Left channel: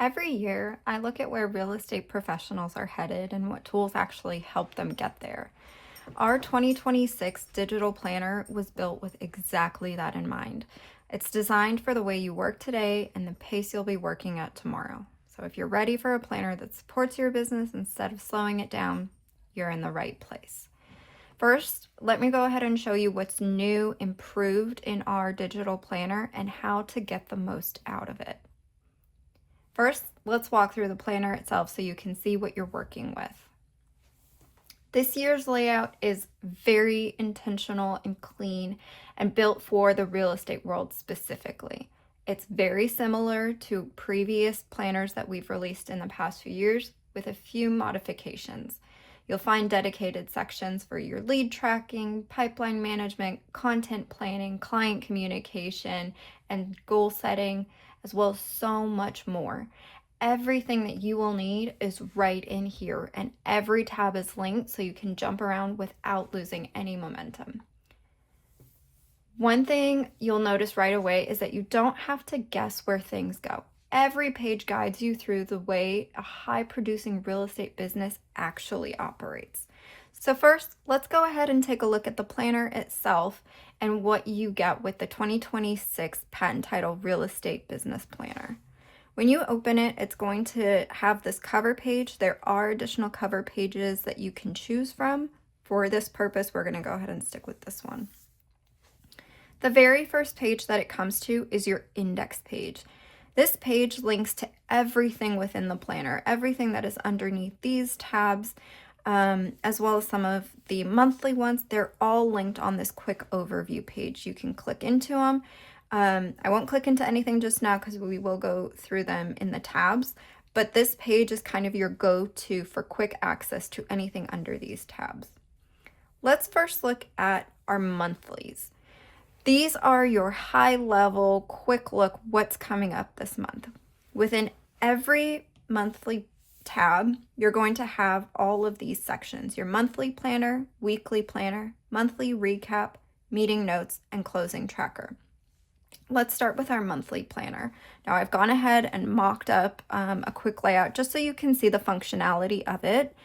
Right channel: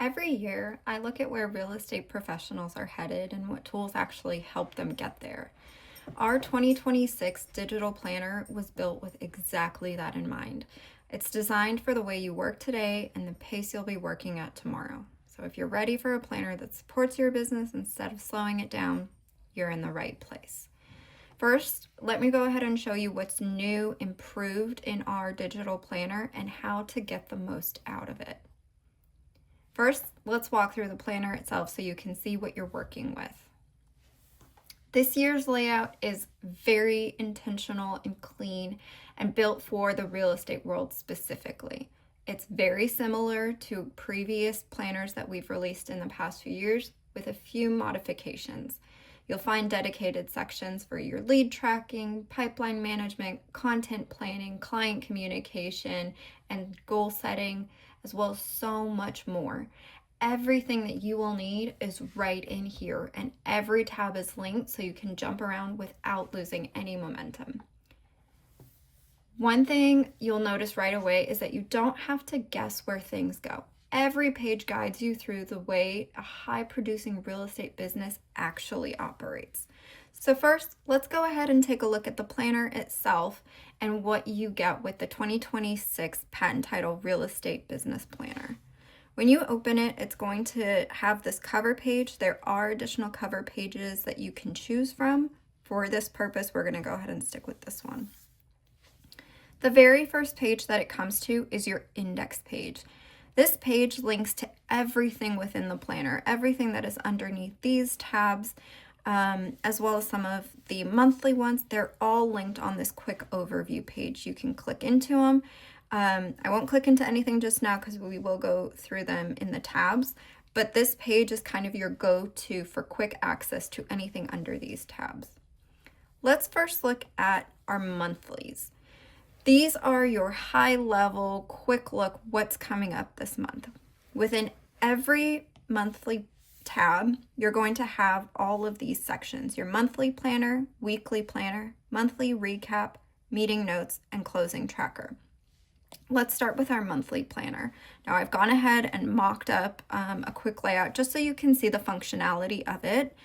Every year, I look at where real estate professionals are headed and what tools actually help them get there. Our 2026 digital planner was built with exactly that in mind. It's designed for the way you work today and the pace you'll be working at tomorrow. So if you're ready for a planner that supports your business instead of slowing it down, you're in the right place. First, let me go ahead and show you what's new, improved in our digital planner and how to get the most out of it. First, let's walk through the planner itself so you can see what you're working with. This year's layout is very intentional and clean and built for the real estate world specifically. It's very similar to previous planners that we've released in the past few years with a few modifications. You'll find dedicated sections for your lead tracking, pipeline management, content planning, client communication, and goal setting, as well as so much more. Everything that you will need is right in here, and every tab is linked so you can jump around without losing any momentum. One thing you'll notice right away is that you don't have to guess where things go. Every page guides you through the way a high-producing real estate business actually operates. So first, let's go ahead and take a look at the planner itself and what you get with the 2026 patent title Real Estate Business Planner. When you open it, it's going to have this cover page. There are additional cover pages that you can choose from. For this purpose, we're going to go ahead and stick with this one. The very first page that it comes to is your index page. This page links to everything within the planner, everything that is underneath these tabs, as well as some of the monthly ones. They're all linked on this quick overview page. You can click into them. I won't click into anything just now because we will go through them in the tabs, but this page is kind of your go-to for quick access to anything under these tabs. Let's first look at our monthlies. These are your high-level, quick look what's coming up this month. Within every monthly tab, you're going to have all of these sections: your monthly planner, weekly planner, monthly recap, meeting notes, and closing tracker. Let's start with our monthly planner. Now I've gone ahead and mocked up a quick layout just so you can see the functionality of it.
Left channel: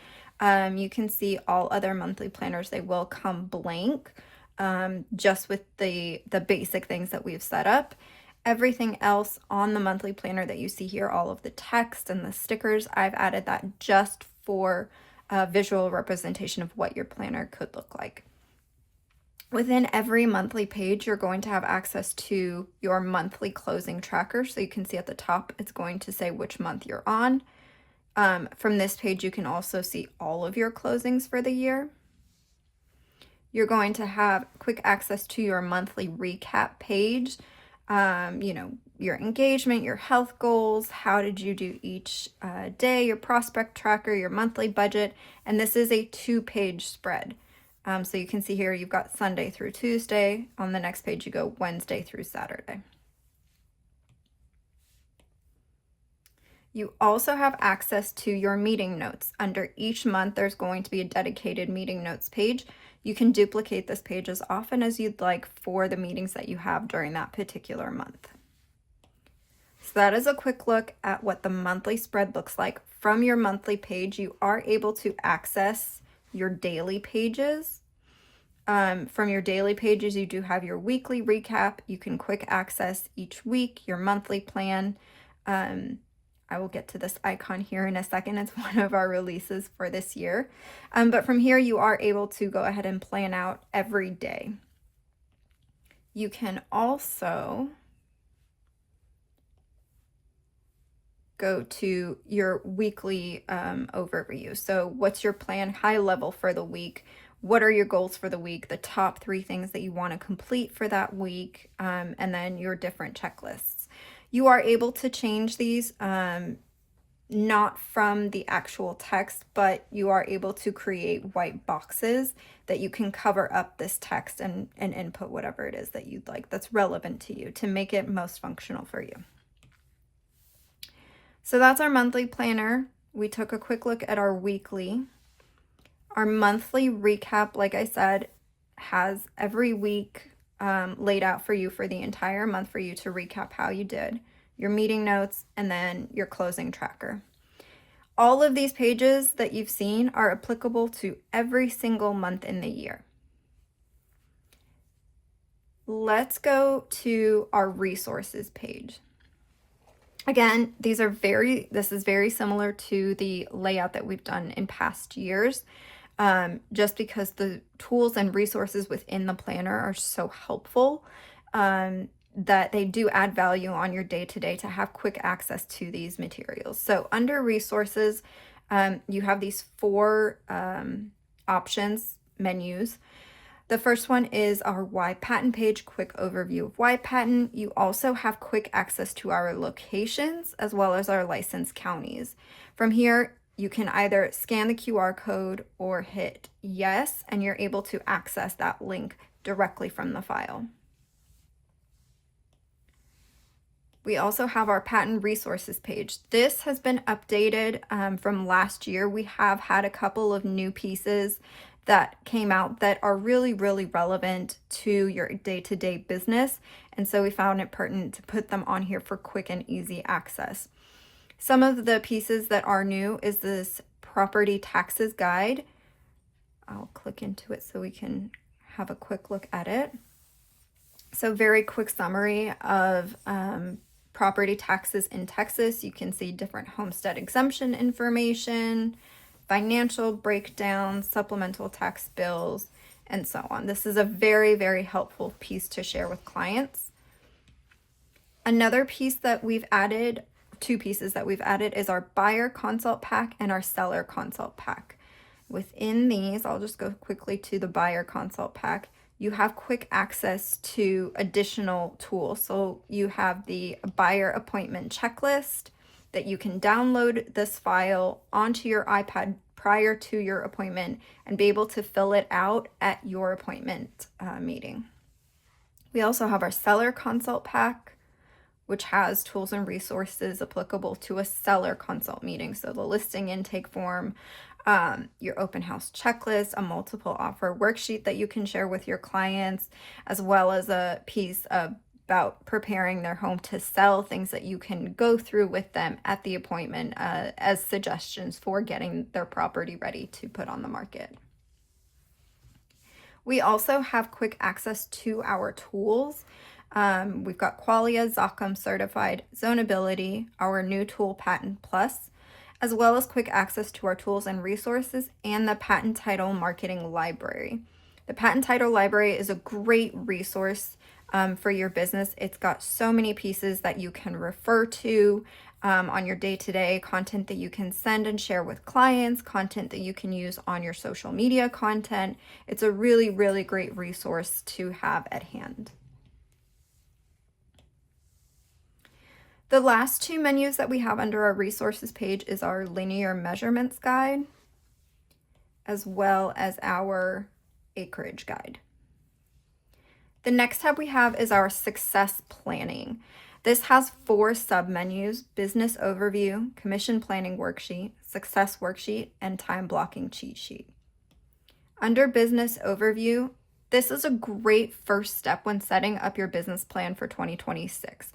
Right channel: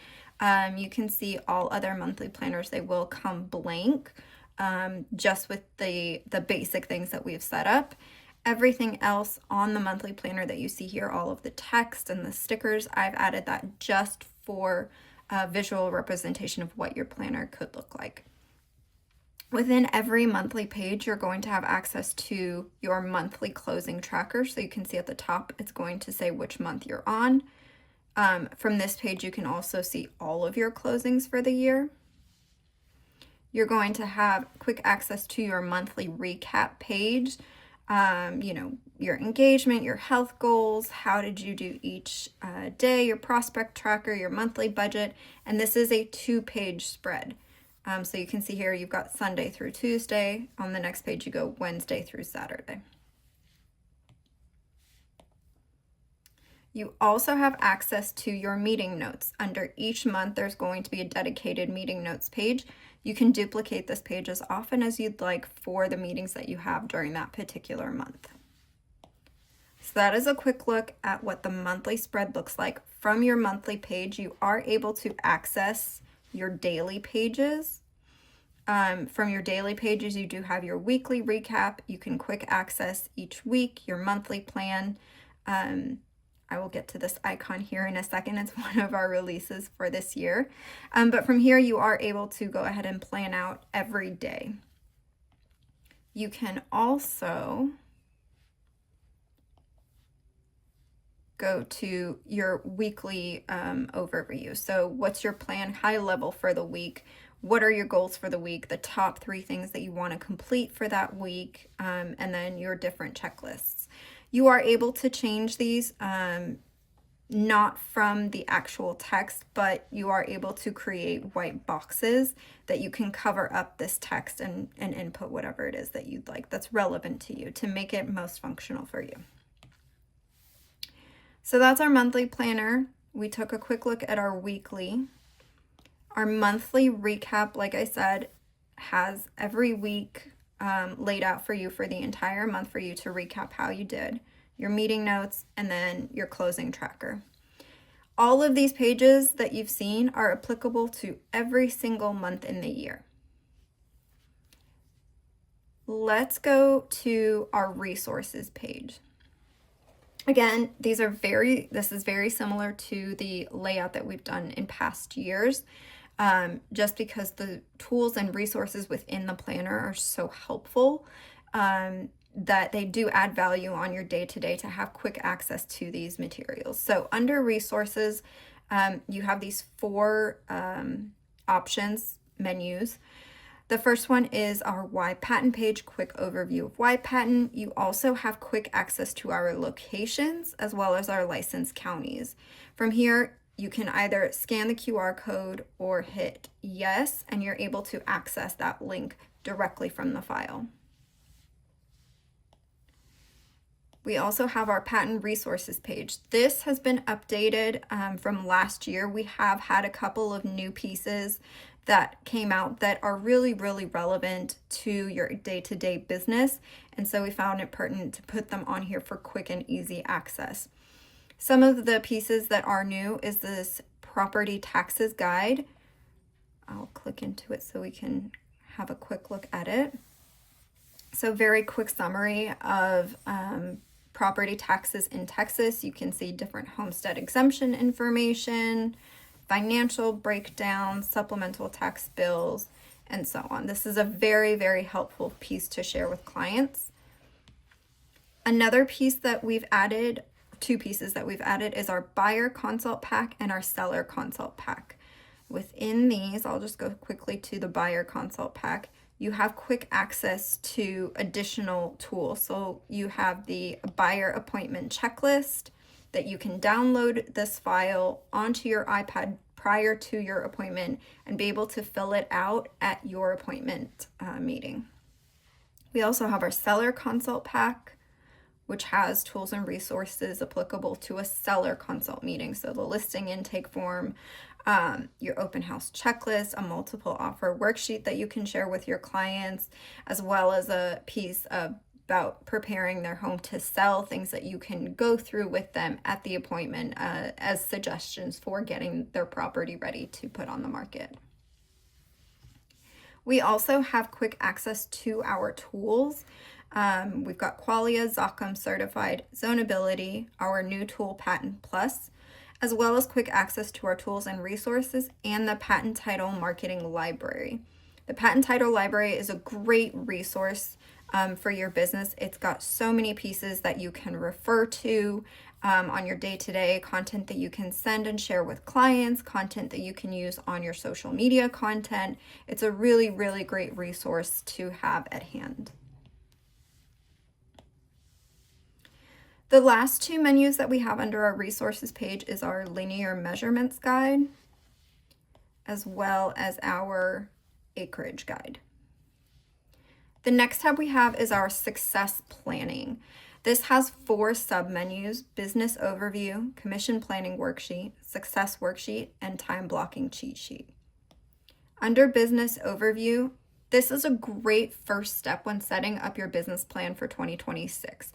You can see all other monthly planners, they will come blank, just with the basic things that we've set up. Everything else on the monthly planner that you see here, all of the text and the stickers, I've added that just for a visual representation of what your planner could look like. Within every monthly page, you're going to have access to your monthly closing tracker. So you can see at the top, it's going to say which month you're on. From this page, you can also see all of your closings for the year. You're going to have quick access to your monthly recap page. Your engagement, your health goals, how did you do each day, your prospect tracker, your monthly budget. And this is a 2-page spread. So you can see here, you've got Sunday through Tuesday. On the next page, you go Wednesday through Saturday. You also have access to your meeting notes. Under each month, there's going to be a dedicated meeting notes page. You can duplicate this page as often as you'd like for the meetings that you have during that particular month. So that is a quick look at what the monthly spread looks like. From your monthly page, you are able to access your daily pages. From your daily pages, you do have your weekly recap. You can quick access each week, your monthly plan. I will get to this icon here in a second. It's one of our releases for this year. But from here, you are able to go ahead and plan out every day. You can also go to your weekly overview. So what's your plan high level for the week? What are your goals for the week? The top 3 things that you want to complete for that week, and then your different checklists. You are able to change these not from the actual text, but you are able to create white boxes that you can cover up this text and input whatever it is that you'd like that's relevant to you to make it most functional for you. So that's our monthly planner. We took a quick look at our weekly. Our monthly recap, like I said, has every week laid out for you for the entire month for you to recap how you did. your meeting notes, and then your closing tracker. All of these pages that you've seen are applicable to every single month in the year. Let's go to our resources page. Again, this is very similar to the layout that we've done in past years, just because the tools and resources within the planner are so helpful, that they do add value on your day-to-day to have quick access to these materials. So under resources, you have these 4 options, menus. The first one is our Why Patten page, quick overview of why Patten. You also have quick access to our locations as well as our licensed counties. From here, you can either scan the QR code or hit yes, and you're able to access that link directly from the file. We also have our Patten resources page. This has been updated from last year. We have had a couple of new pieces that came out that are really, really relevant to your day-to-day business. And so we found it pertinent to put them on here for quick and easy access. Some of the pieces that are new is this property taxes guide. I'll click into it so we can have a quick look at it. So very quick summary of property taxes in Texas. You can see different homestead exemption information, financial breakdowns, supplemental tax bills, and so on. This is a very, very helpful piece to share with clients. Another piece that we've added, 2 pieces that we've added, is our buyer consult pack and our seller consult pack. Within these, I'll just go quickly to the buyer consult pack. You have quick access to additional tools. So you have the buyer appointment checklist that you can download this file onto your iPad prior to your appointment and be able to fill it out at your appointment meeting. We also have our seller consult pack, which has tools and resources applicable to a seller consult meeting. So the listing intake form, your open house checklist, a multiple offer worksheet that you can share with your clients, as well as a piece about preparing their home to sell, things that you can go through with them at the appointment as suggestions for getting their property ready to put on the market. We also have quick access to our tools. We've got Qualia, Zachem Certified, Zonability, our new tool Patten Plus, as well as quick access to our tools and resources and the Patent Title Marketing Library. The Patent Title Library is a great resource for your business. It's got so many pieces that you can refer to on your day-to-day, content that you can send and share with clients, content that you can use on your social media content. It's a really, really great resource to have at hand. The last 2 menus that we have under our resources page is our linear measurements guide, as well as our acreage guide. The next tab we have is our success planning. This has 4 submenus: business overview, commission planning worksheet, success worksheet, and time blocking cheat sheet. Under business overview, this is a great first step when setting up your business plan for 2026.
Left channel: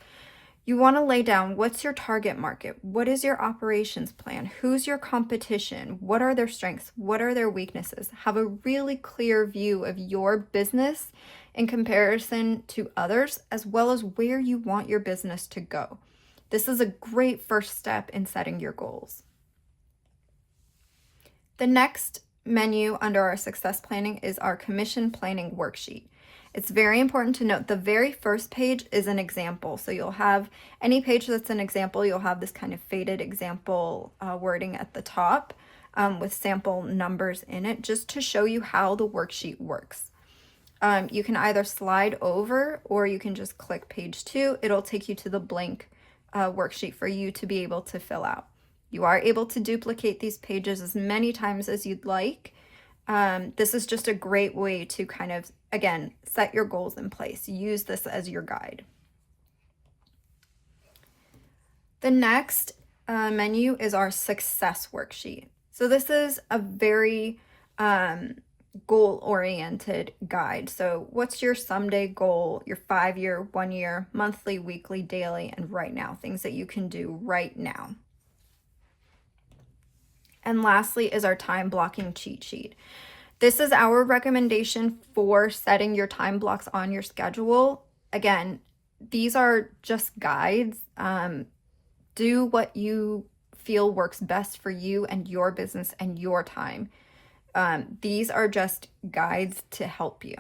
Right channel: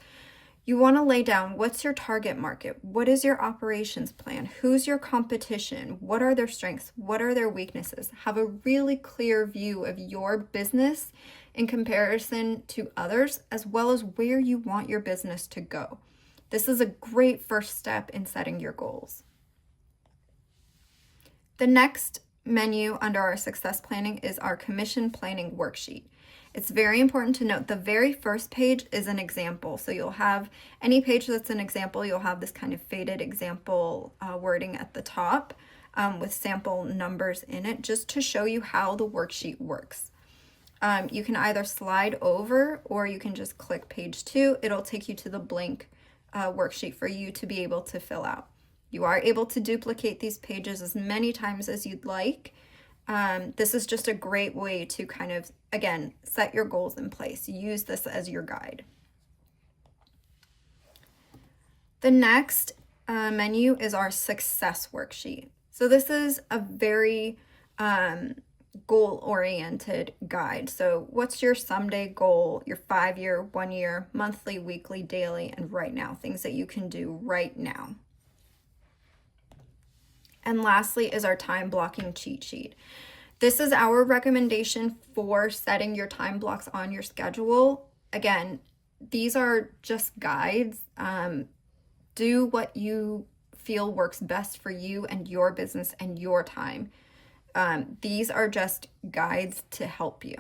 You want to lay down what's your target market, what is your operations plan, who's your competition, what are their strengths, what are their weaknesses. Have a really clear view of your business in comparison to others, as well as where you want your business to go. This is a great first step in setting your goals. The next menu under our success planning is our commission planning worksheet. It's very important to note the very first page is an example. So you'll have any page that's an example, you'll have this kind of faded example wording at the top with sample numbers in it, just to show you how the worksheet works. You can either slide over or you can just click page 2. It'll take you to the blank worksheet for you to be able to fill out. You are able to duplicate these pages as many times as you'd like. This is just a great way to kind of, again, set your goals in place. Use this as your guide. The next menu is our success worksheet. So this is a very goal-oriented guide. So what's your someday goal, your 5-year, 1-year, monthly, weekly, daily, and right now, things that you can do right now. And lastly is our time blocking cheat sheet. This is our recommendation for setting your time blocks on your schedule. Again, these are just guides. Do what you feel works best for you and your business and your time. These are just guides to help you.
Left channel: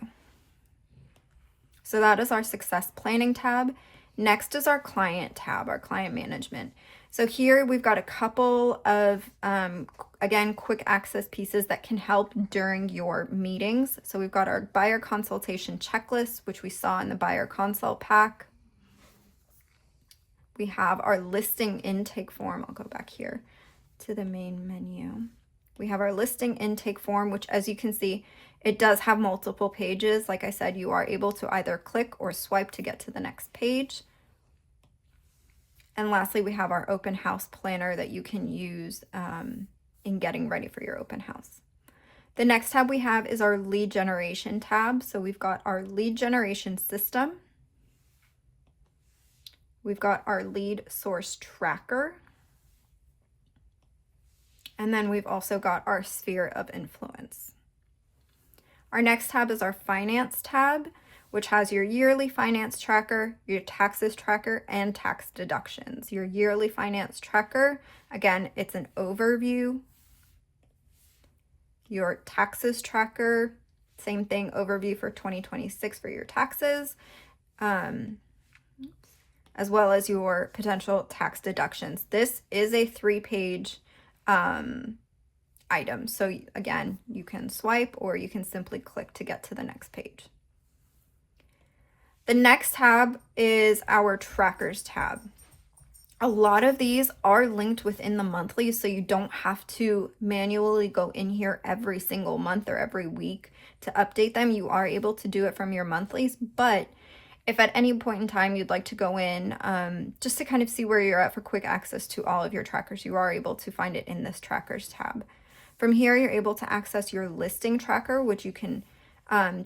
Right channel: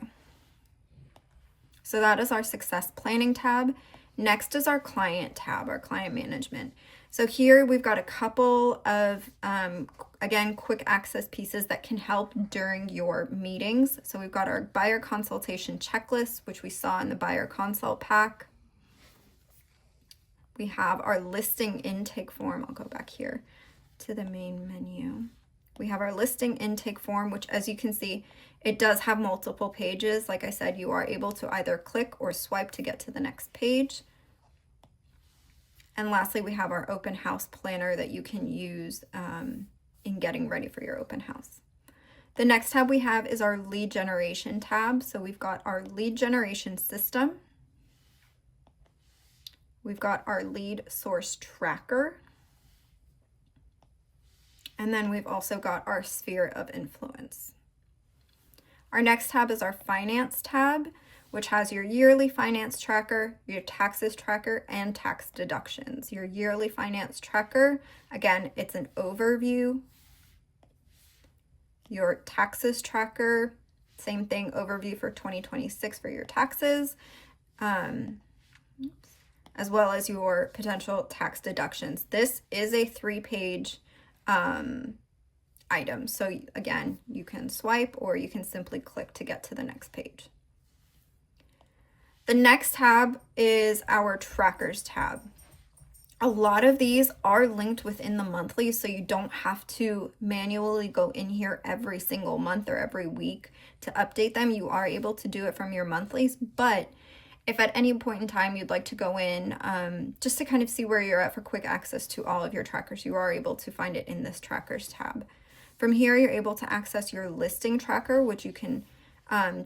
So that is our success planning tab. Next is our client tab, our client management. So here we've got a couple of, again, quick access pieces that can help during your meetings. So we've got our buyer consultation checklist, which we saw in the buyer consult pack. We have our listing intake form. I'll go back here to the main menu. We have our listing intake form, which, as you can see, it does have multiple pages. Like I said, you are able to either click or swipe to get to the next page. And lastly, we have our open house planner that you can use in getting ready for your open house. The next tab we have is our lead generation tab. So we've got our lead generation system. We've got our lead source tracker. And then we've also got our sphere of influence. Our next tab is our finance tab, which has your yearly finance tracker, your taxes tracker, and tax deductions. Your yearly finance tracker, again, it's an overview. Your taxes tracker, same thing, overview for 2026 for your taxes, as well as your potential tax deductions. This is a 3-page item. So again, you can swipe or you can simply click to get to the next page. The next tab is our trackers tab. A lot of these are linked within the monthly, so you don't have to manually go in here every single month or every week to update them. You are able to do it from your monthlies, but if at any point in time you'd like to go in just to kind of see where you're at for quick access to all of your trackers, you are able to find it in this trackers tab. From here, you're able to access your listing tracker, which you can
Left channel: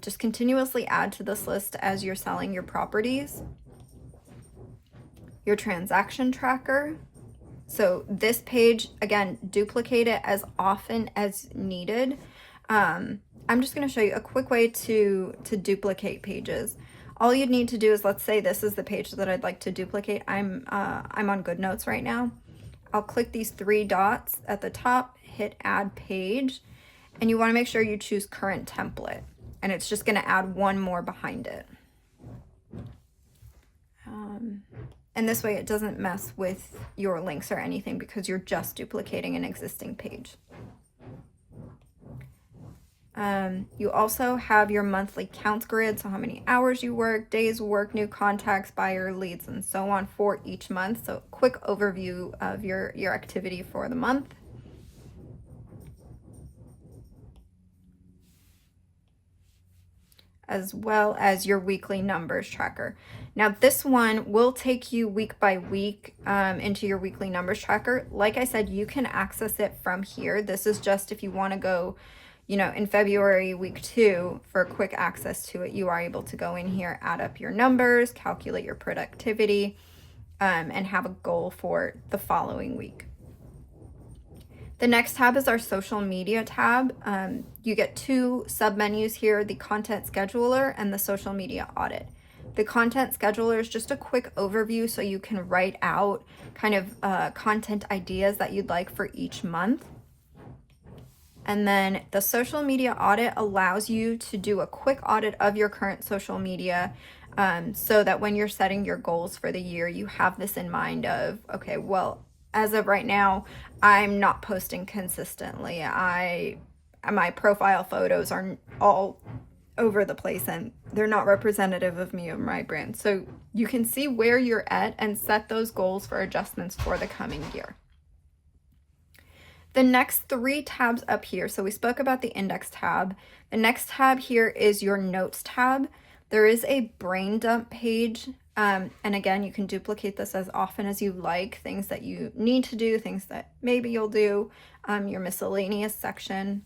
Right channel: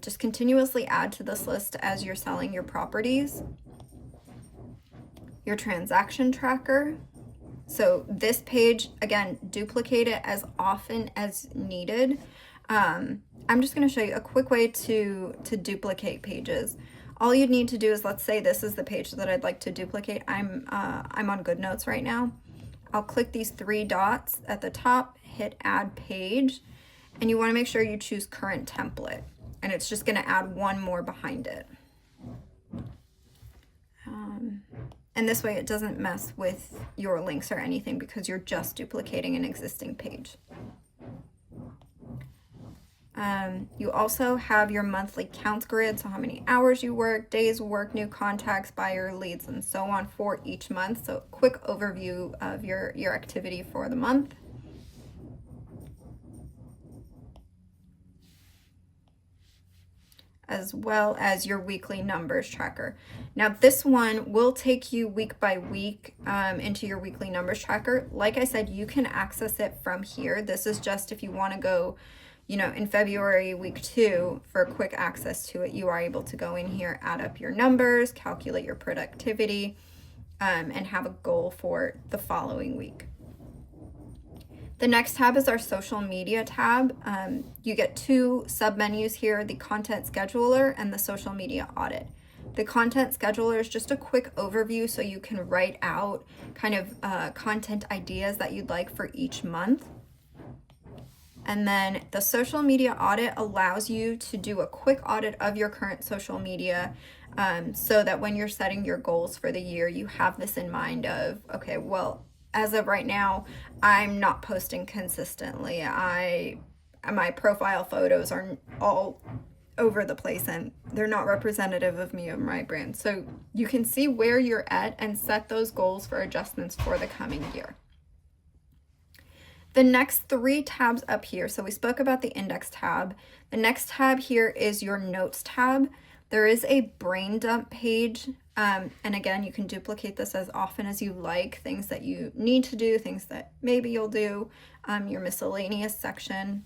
just continuously add to this list as you're selling your properties. Your transaction tracker. So this page, again, duplicate it as often as needed. I'm just going to show you a quick way to duplicate pages. All you'd need to do is, let's say this is the page that I'd like to duplicate. I'm on GoodNotes right now. I'll click these 3 dots at the top, hit add page, and you want to make sure you choose current template, and it's just going to add one more behind it. And this way it doesn't mess with your links or anything because you're just duplicating an existing page. You also have your monthly counts grid, so how many hours you work, days work, new contacts, buyer leads, and so on for each month. So quick overview of your activity for the month. As well as your weekly numbers tracker. Now this one will take you week by week into your weekly numbers tracker. Like I said, you can access it from here. This is just if you want to go, in February week 2 for quick access to it, you are able to go in here, add up your numbers, calculate your productivity, and have a goal for the following week. The next tab is our social media tab. You get 2 submenus here, the content scheduler and the social media audit. The content scheduler is just a quick overview so you can write out kind of content ideas that you'd like for each month. And then the social media audit allows you to do a quick audit of your current social media so that when you're setting your goals for the year, you have this in mind of, okay, well, as of right now, I'm not posting consistently. My profile photos are all over the place and they're not representative of me or my brand. So you can see where you're at and set those goals for adjustments for the coming year. The next 3 tabs up here, so we spoke about the index tab. The next tab here is your notes tab. There is a brain dump page. And again, you can duplicate this as often as you like, things that you need to do, things that maybe you'll do, your miscellaneous section.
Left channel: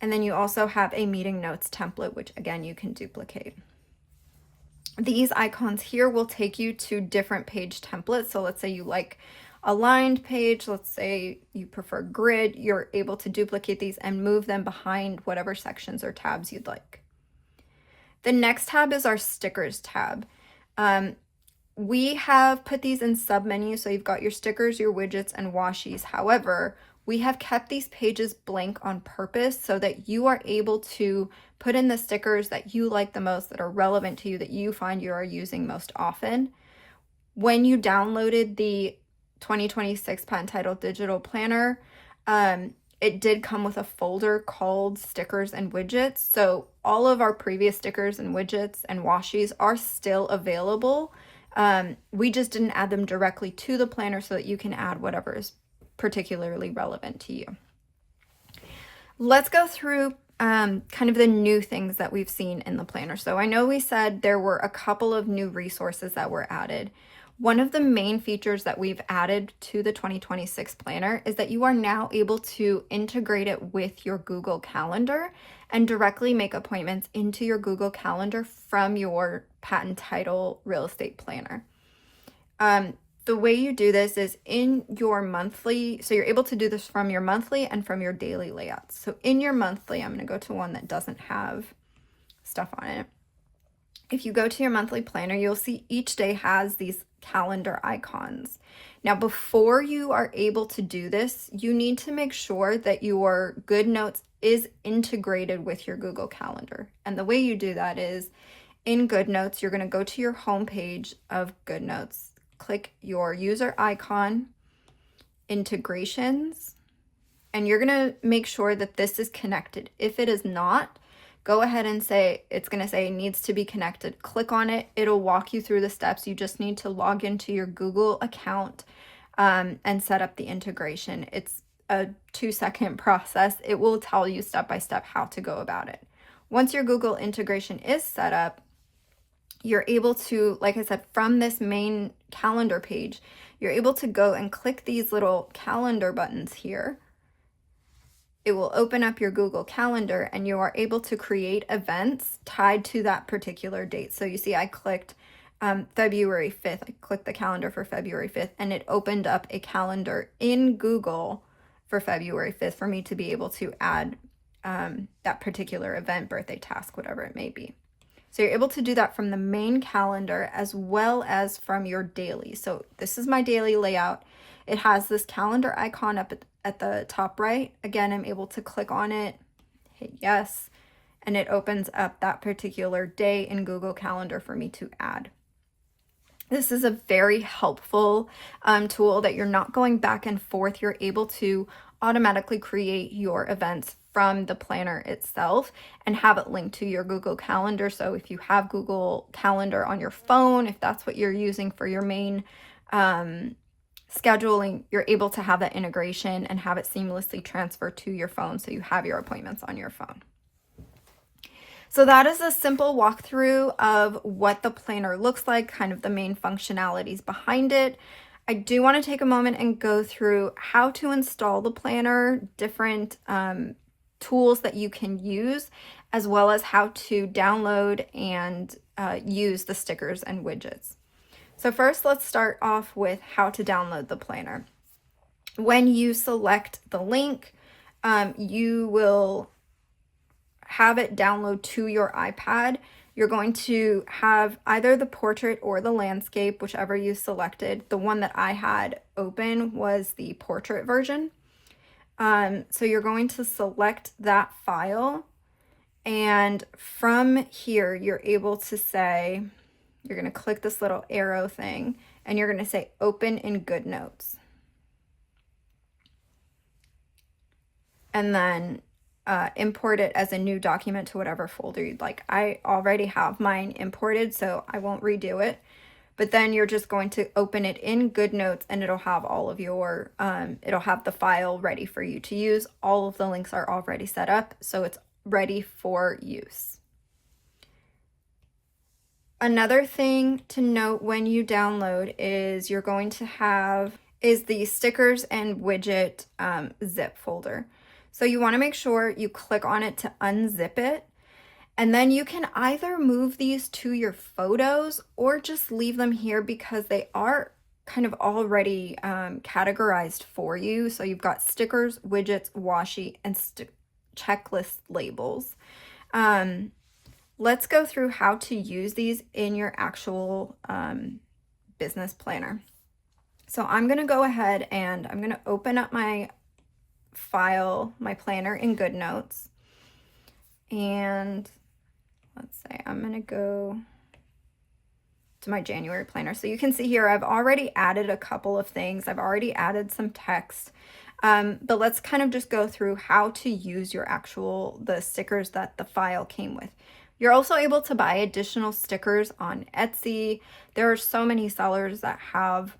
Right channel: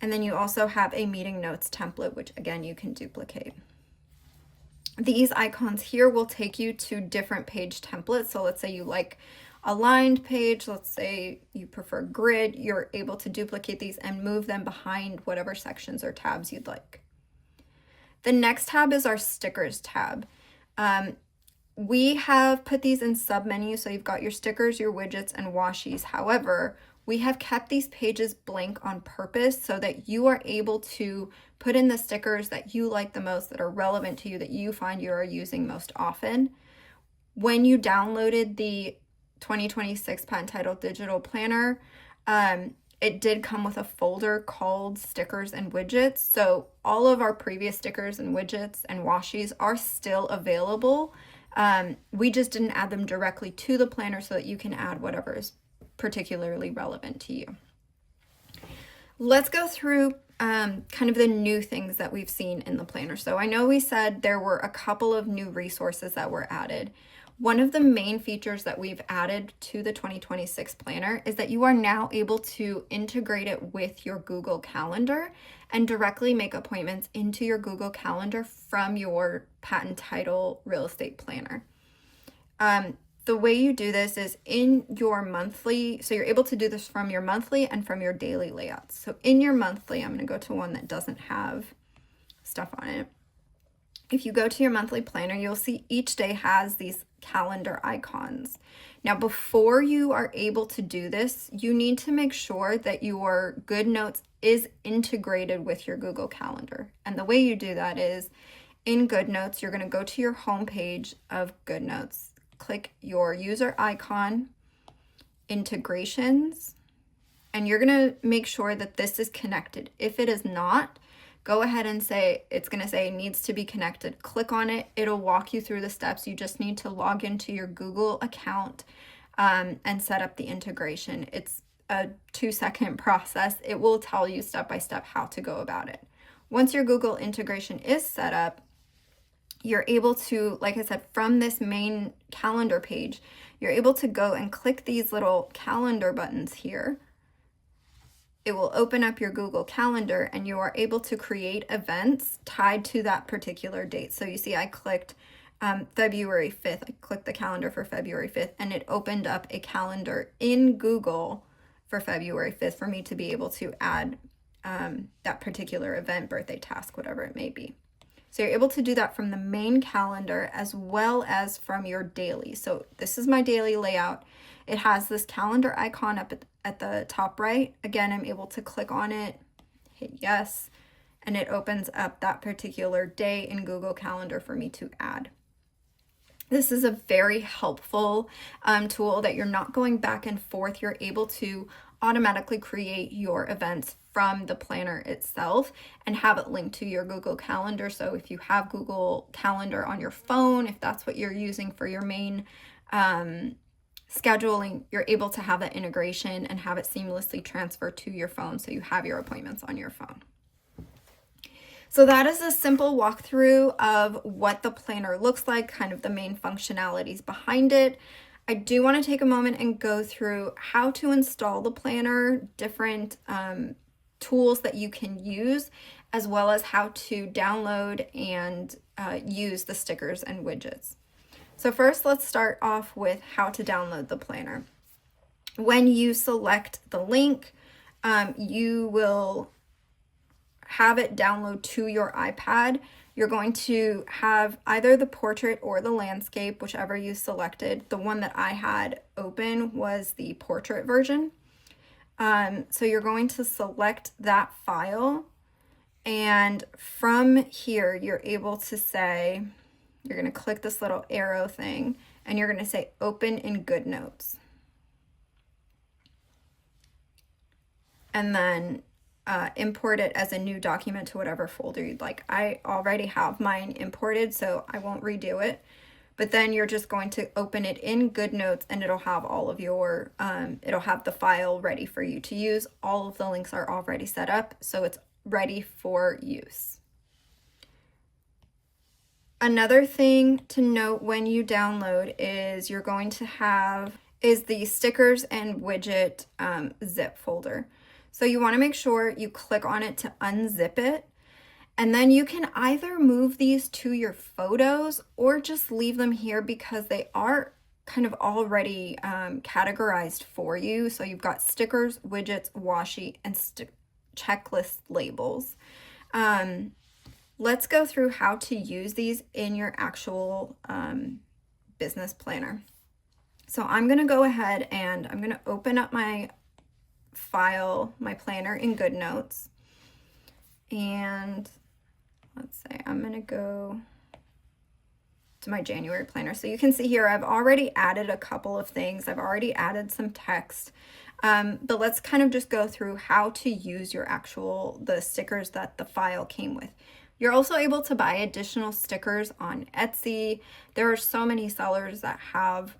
And then you also have a meeting notes template, which again, you can duplicate. These icons here will take you to different page templates. So let's say you like a lined page, let's say you prefer grid, you're able to duplicate these and move them behind whatever sections or tabs you'd like. The next tab is our stickers tab. We have put these in submenus, so you've got your stickers, your widgets, and washies. However, we have kept these pages blank on purpose so that you are able to put in the stickers that you like the most, that are relevant to you, that you find you are using most often. When you downloaded the 2026 Patten Title Digital Planner, it did come with a folder called Stickers and Widgets. So all of our previous stickers and widgets and washies are still available. We just didn't add them directly to the planner so that you can add whatever is particularly relevant to you. Let's go through kind of the new things that we've seen in the planner. So I know we said there were a couple of new resources that were added. One of the main features that we've added to the 2026 planner is that you are now able to integrate it with your Google Calendar and directly make appointments into your Google Calendar from your Patten Title real estate planner. The way you do this is in your monthly, so you're able to do this from your monthly and from your daily layouts. So in your monthly, I'm going to go to one that doesn't have stuff on it. If you go to your monthly planner, you'll see each day has these calendar icons. Now, before you are able to do this, you need to make sure that your GoodNotes is integrated with your Google Calendar. And the way you do that is in GoodNotes, you're going to go to your home page of GoodNotes, click your user icon, integrations, and you're going to make sure that this is connected. If it is not, go ahead and say, it's going to say needs to be connected. Click on it. It'll walk you through the steps. You just need to log into your Google account and set up the integration. It's a 2-second process. It will tell you step by step how to go about it. Once your Google integration is set up, you're able to, like I said, from this main calendar page, you're able to go and click these little calendar buttons here. It will open up your Google Calendar and you are able to create events tied to that particular date. So you see I clicked February 5th. I clicked the calendar for February 5th and it opened up a calendar in Google for February 5th for me to be able to add that particular event, birthday, task, whatever it may be. So you're able to do that from the main calendar as well as from your daily. So this is my daily layout. It has this calendar icon up at the top right. Again, I'm able to click on it, hit yes, and it opens up that particular day in Google Calendar for me to add. This is a very helpful tool that you're not going back and forth. You're able to automatically create your events from the planner itself and have it linked to your Google Calendar. So if you have Google Calendar on your phone, if that's what you're using for your main scheduling, you're able to have that integration and have it seamlessly transfer to your phone so you have your appointments on your phone. So that is a simple walkthrough of what the planner looks like, kind of the main functionalities behind it. I do want to take a moment and go through how to install the planner, different tools that you can use, as well as how to download and use the stickers and widgets. So first, let's start off with how to download the planner. When you select the link, you will have it download to your iPad. You're going to have either the portrait or the landscape, whichever you selected. The one that I had open was the portrait version. So you're going to select that file, and from here, you're able to say, you're going to click this little arrow thing, and you're going to say open in GoodNotes. And then import it as a new document to whatever folder you'd like. I already have mine imported, so I won't redo it. But then you're just going to open it in GoodNotes and it'll have all of your, it'll have the file ready for you to use. All of the links are already set up, so it's ready for use. Another thing to note when you download is you're going to have the stickers and widget zip folder. So you want to make sure you click on it to unzip it. And then you can either move these to your photos or just leave them here because they are kind of already categorized for you. So you've got stickers, widgets, washi, and checklist labels. Let's go through how to use these in your actual business planner. So I'm going to go ahead and I'm going to open up my file, my planner in GoodNotes. And let's say I'm going to go to my January planner. So you can see here, I've already added a couple of things. I've already added some text. But let's kind of just go through how to use your the stickers that the file came with. You're also able to buy additional stickers on Etsy. There are so many sellers that have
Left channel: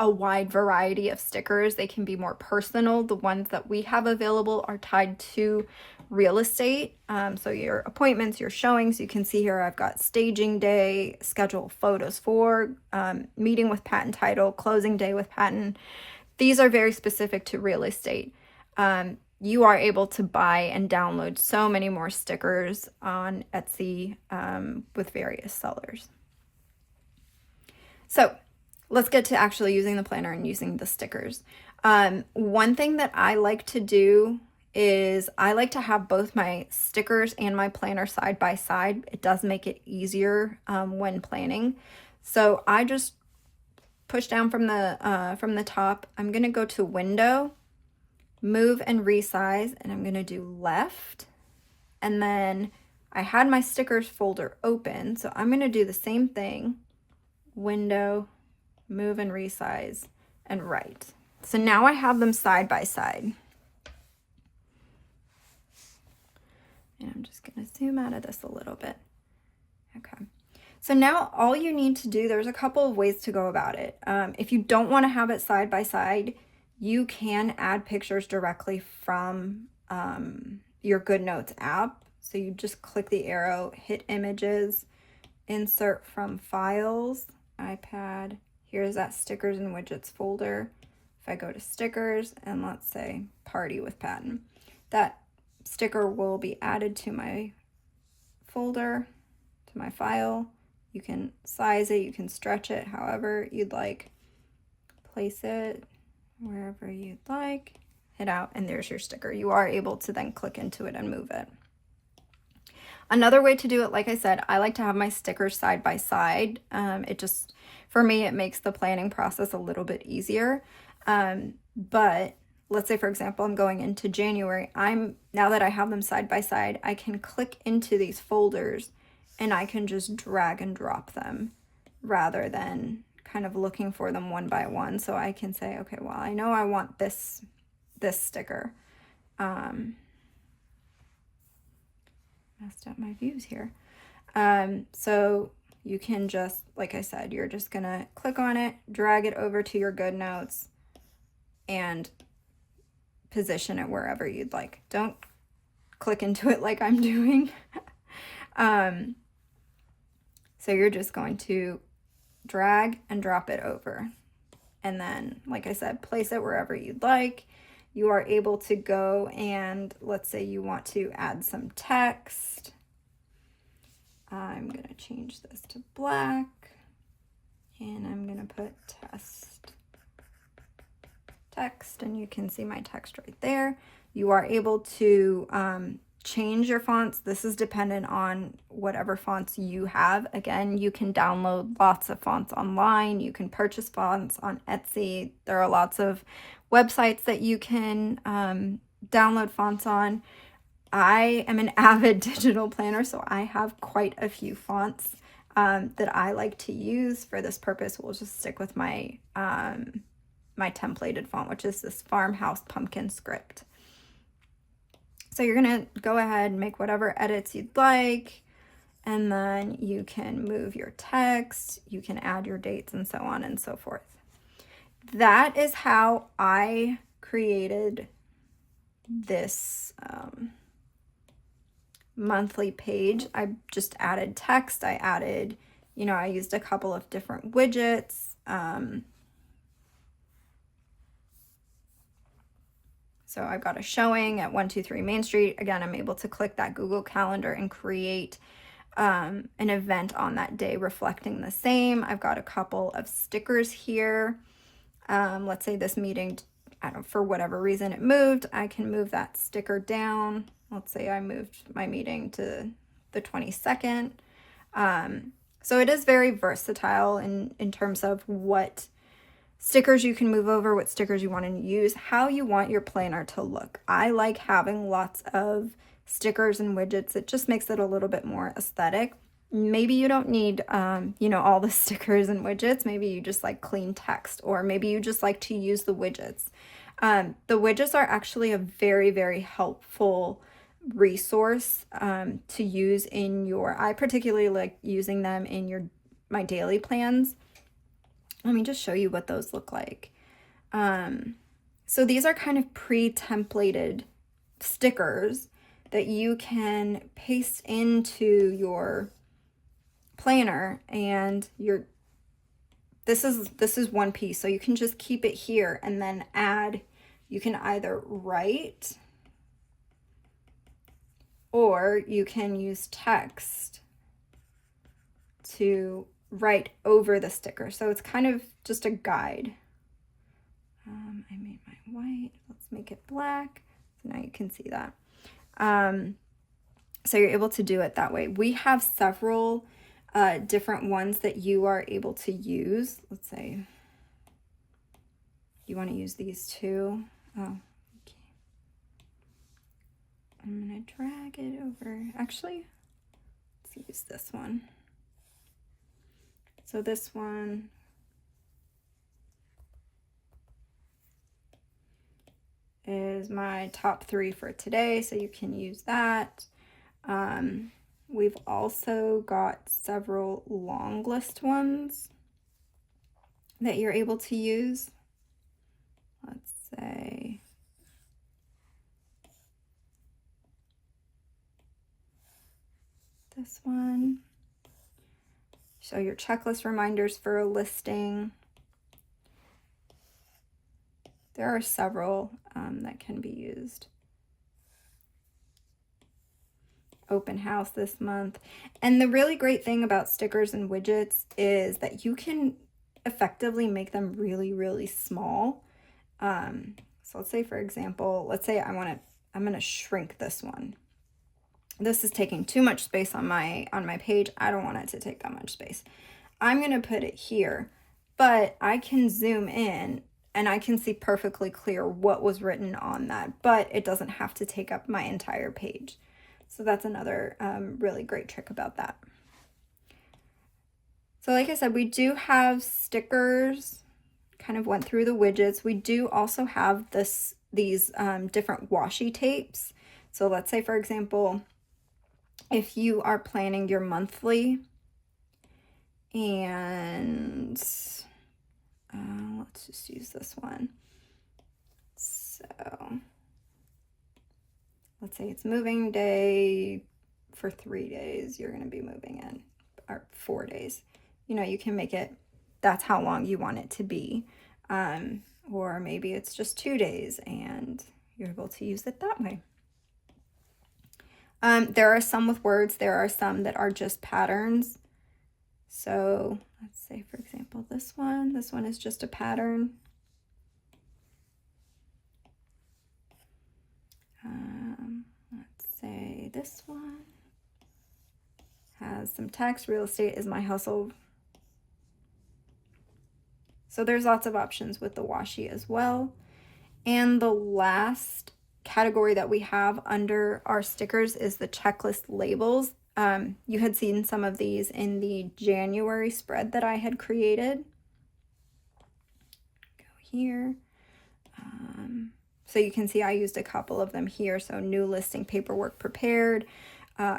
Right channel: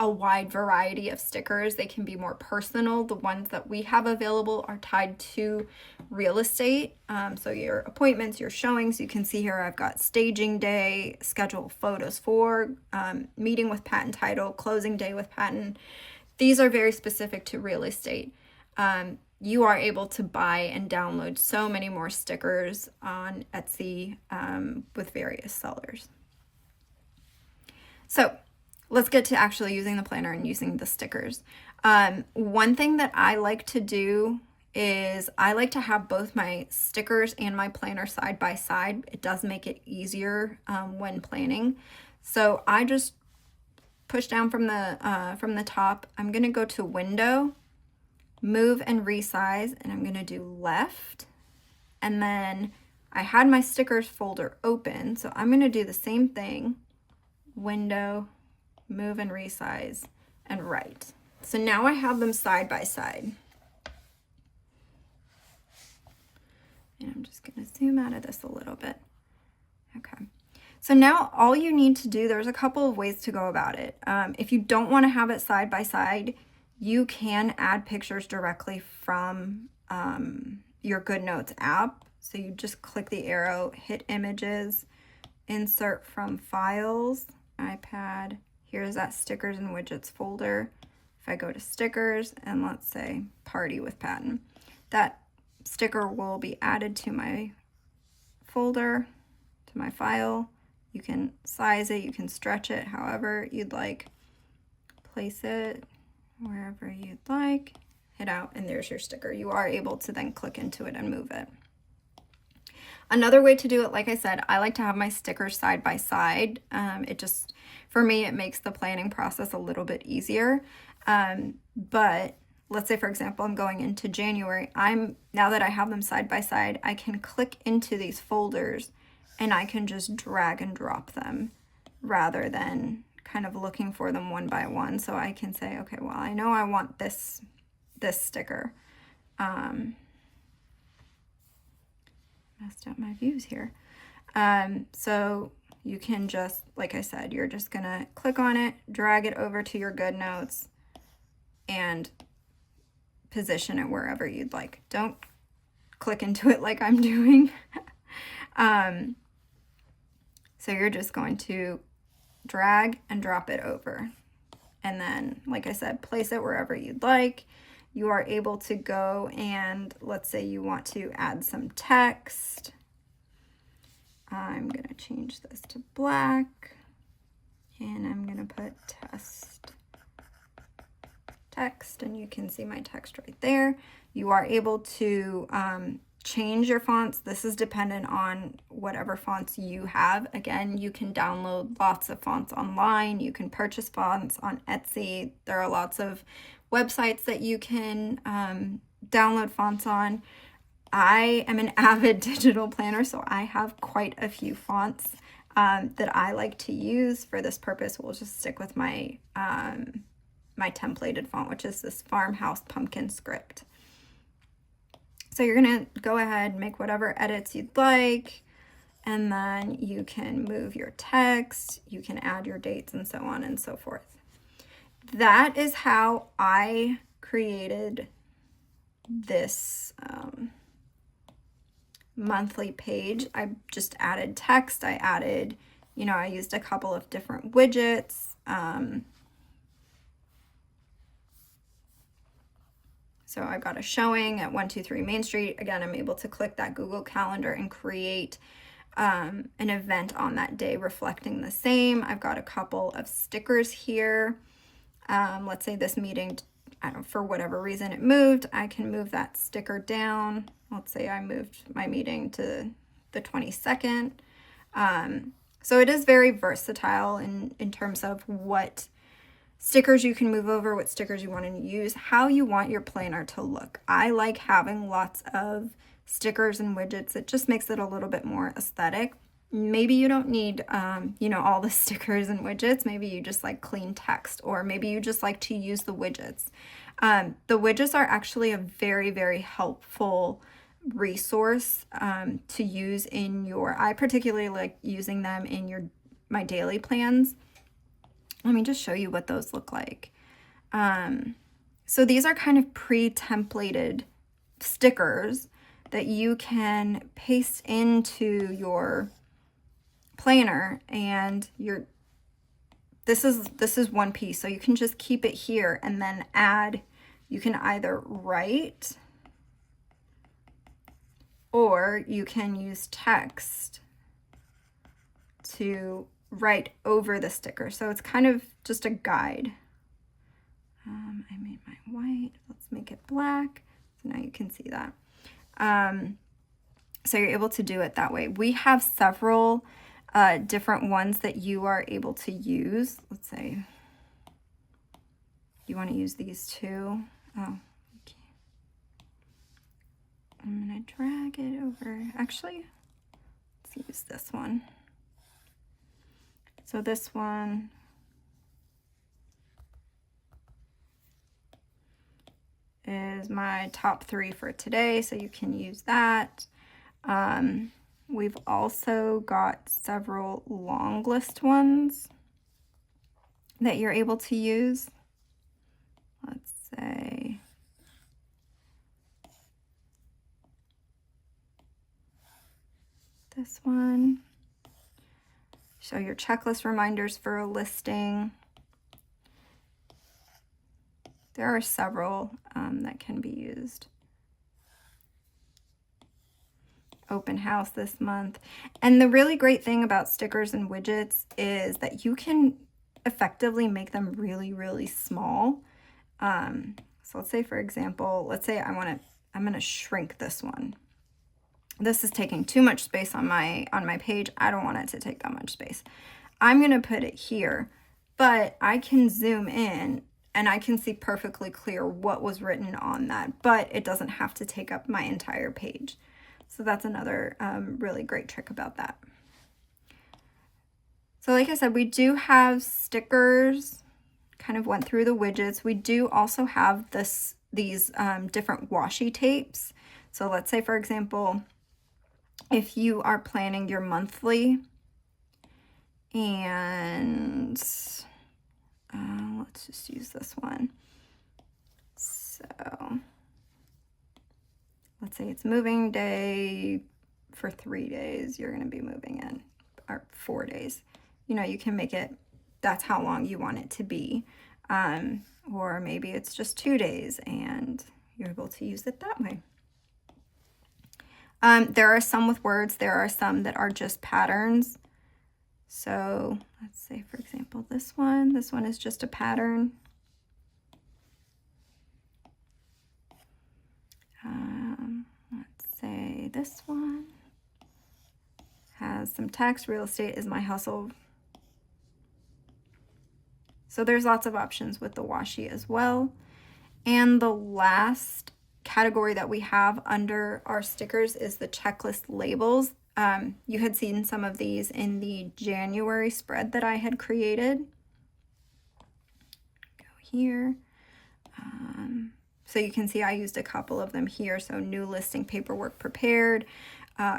a wide variety of stickers. They can be more personal. The ones that we have available are tied to real estate. So your appointments, your showings, you can see here I've got staging day, schedule photos for, meeting with Patten title, closing day with Patten. These are very specific to real estate. You are able to buy and download so many more stickers on Etsy with various sellers. So let's get to actually using the planner and using the stickers. One thing that I like to do is I like to have both my stickers and my planner side by side. It does make it easier when planning. So I just push down from the top. I'm going to go to window, move and resize, and I'm going to do left. And then I had my stickers folder open, so I'm going to do the same thing, window, move and resize, and right. So now I have them side by side. And I'm just going to zoom out of this a little bit. Okay. So now all you need to do, there's a couple of ways to go about it. If you don't want to have it side by side, you can add pictures directly from your GoodNotes app. So you just click the arrow, hit images, insert from files, iPad. Here's that stickers and widgets folder. If I go to stickers and let's say party with Patten, that sticker will be added to my folder, to my file. You can size it, you can stretch it however you'd like. Place it wherever you'd like, hit out, and there's your sticker. You are able to then click into it and move it. Another way to do it, like I said, I like to have my stickers side by side. It just, for me, it makes the planning process a little bit easier. But let's say, for example, I'm going into January. Now that I have them side by side, I can click into these folders and I can just drag and drop them rather than kind of looking for them one by one. So I can say, okay, well, I know I want this sticker. Messed up my views here. So you can just, like I said, you're just gonna click on it, drag it over to your GoodNotes, and position it wherever you'd like. Don't click into it like I'm doing. So you're just going to drag and drop it over. And then, like I said, place it wherever you'd like. You are able to go and let's say you want to add some text. I'm going to change this to black and I'm going to put text, and you can see my text right there. You are able to change your fonts. This is dependent on whatever fonts you have. Again, you can download lots of fonts online. You can purchase fonts on Etsy. There are lots of websites that you can download fonts on. I am an avid digital planner, so I have quite a few fonts that I like to use for this purpose. We'll just stick with my my templated font, which is this Farmhouse Pumpkin script. So you're going to go ahead and make whatever edits you'd like, and then you can move your text, you can add your dates, and so on and so forth. That is how I created this monthly page. I just added text, I added, I used a couple of different widgets. So I've got a showing at 123 Main Street. Again, I'm able to click that Google Calendar and create an event on that day reflecting the same. I've got a couple of stickers here. Let's say this meeting, I don't, for whatever reason it moved, I can move that sticker down. Let's say I moved my meeting to the 22nd. So it is very versatile in terms of what stickers you can move over, what stickers you want to use, how you want your planner to look. I like having lots of stickers and widgets. It just makes it a little bit more aesthetic. Maybe you don't need, all the stickers and widgets. Maybe you just like clean text, or maybe you just like to use the widgets. The widgets are actually a very, very helpful resource to use in I particularly like using them in my daily plans. Let me just show you what those look like. So these are kind of pre-templated stickers that you can paste into your planner, and this is one piece, so you can just keep it here and then add. You can either write or you can use text to write over the sticker. So it's kind of just a guide. I made mine white. Let's make it black. So now you can see that. So you're able to do it that way. We have several different ones that you are able to use. Let's say you want to use these two. Oh, okay. I'm going to drag it over. Actually, let's use this one. So this one is my top 3 for today, so you can use that. We've also got several long list ones that you're able to use. Let's say this one. Show your checklist reminders for a listing. There are several that can be used. Open house this month. And the really great thing about stickers and widgets is that you can effectively make them really, really small. So let's say, for example, let's say I'm going to shrink this one. This is taking too much space on my page. I don't want it to take that much space. I'm going to put it here, but I can zoom in and I can see perfectly clear what was written on that, but it doesn't have to take up my entire page. So that's another really great trick about that. So like I said, we do have stickers, kind of went through the widgets. We do also have these different washi tapes. So let's say, for example, if you are planning your monthly, and let's just use this one. So let's say it's moving day for 3 days, you're going to be moving in, or 4 days. You can make it, that's how long you want it to be. Or maybe it's just 2 days and you're able to use it that way. There are some with words. There are some that are just patterns. So let's say, for example, this one is just a pattern. Let's say this one has some text. Real estate is my hustle. So there's lots of options with the washi as well. And the last category that we have under our stickers is the checklist labels. You had seen some of these in the January spread that I had created. Go here. So you can see I used a couple of them here. So new listing paperwork prepared,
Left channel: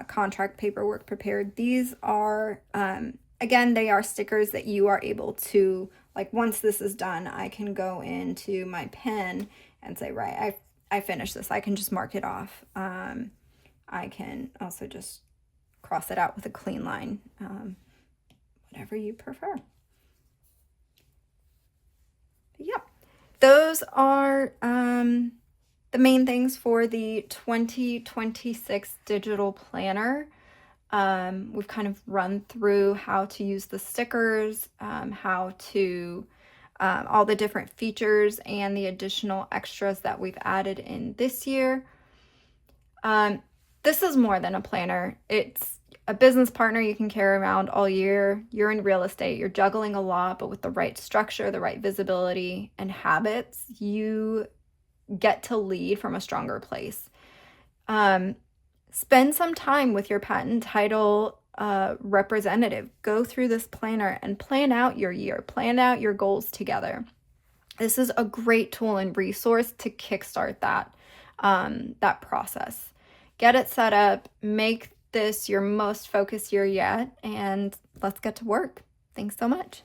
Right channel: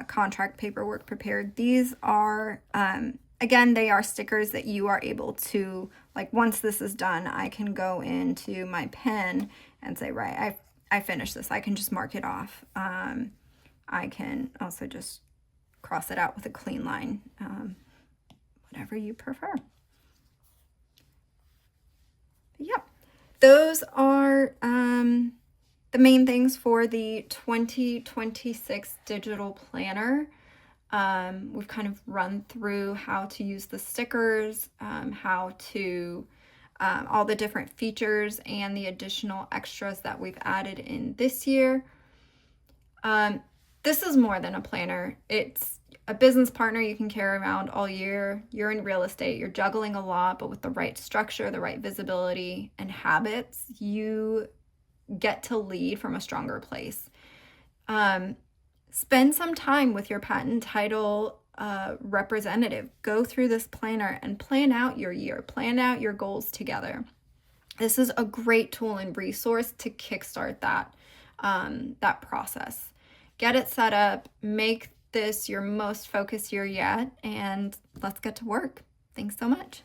contract paperwork prepared. These are, again, they are stickers that you are able to, like, once this is done, I can go into my pen and say, right, I finished this. I can just mark it off. I can also just cross it out with a clean line, whatever you prefer. But yeah, those are the main things for the 2026 digital planner. We've kind of run through how to use the stickers, how to all the different features and the additional extras that we've added in this year. This is more than a planner. It's a business partner you can carry around all year. You're in real estate, you're juggling a lot, but with the right structure, the right visibility and habits, you get to lead from a stronger place. Spend some time with your patent title representative. Go through this planner and plan out your year, plan out your goals together. This is a great tool and resource to kickstart that process. Get it set up, make this your most focused year yet, and let's get to work. Thanks so much.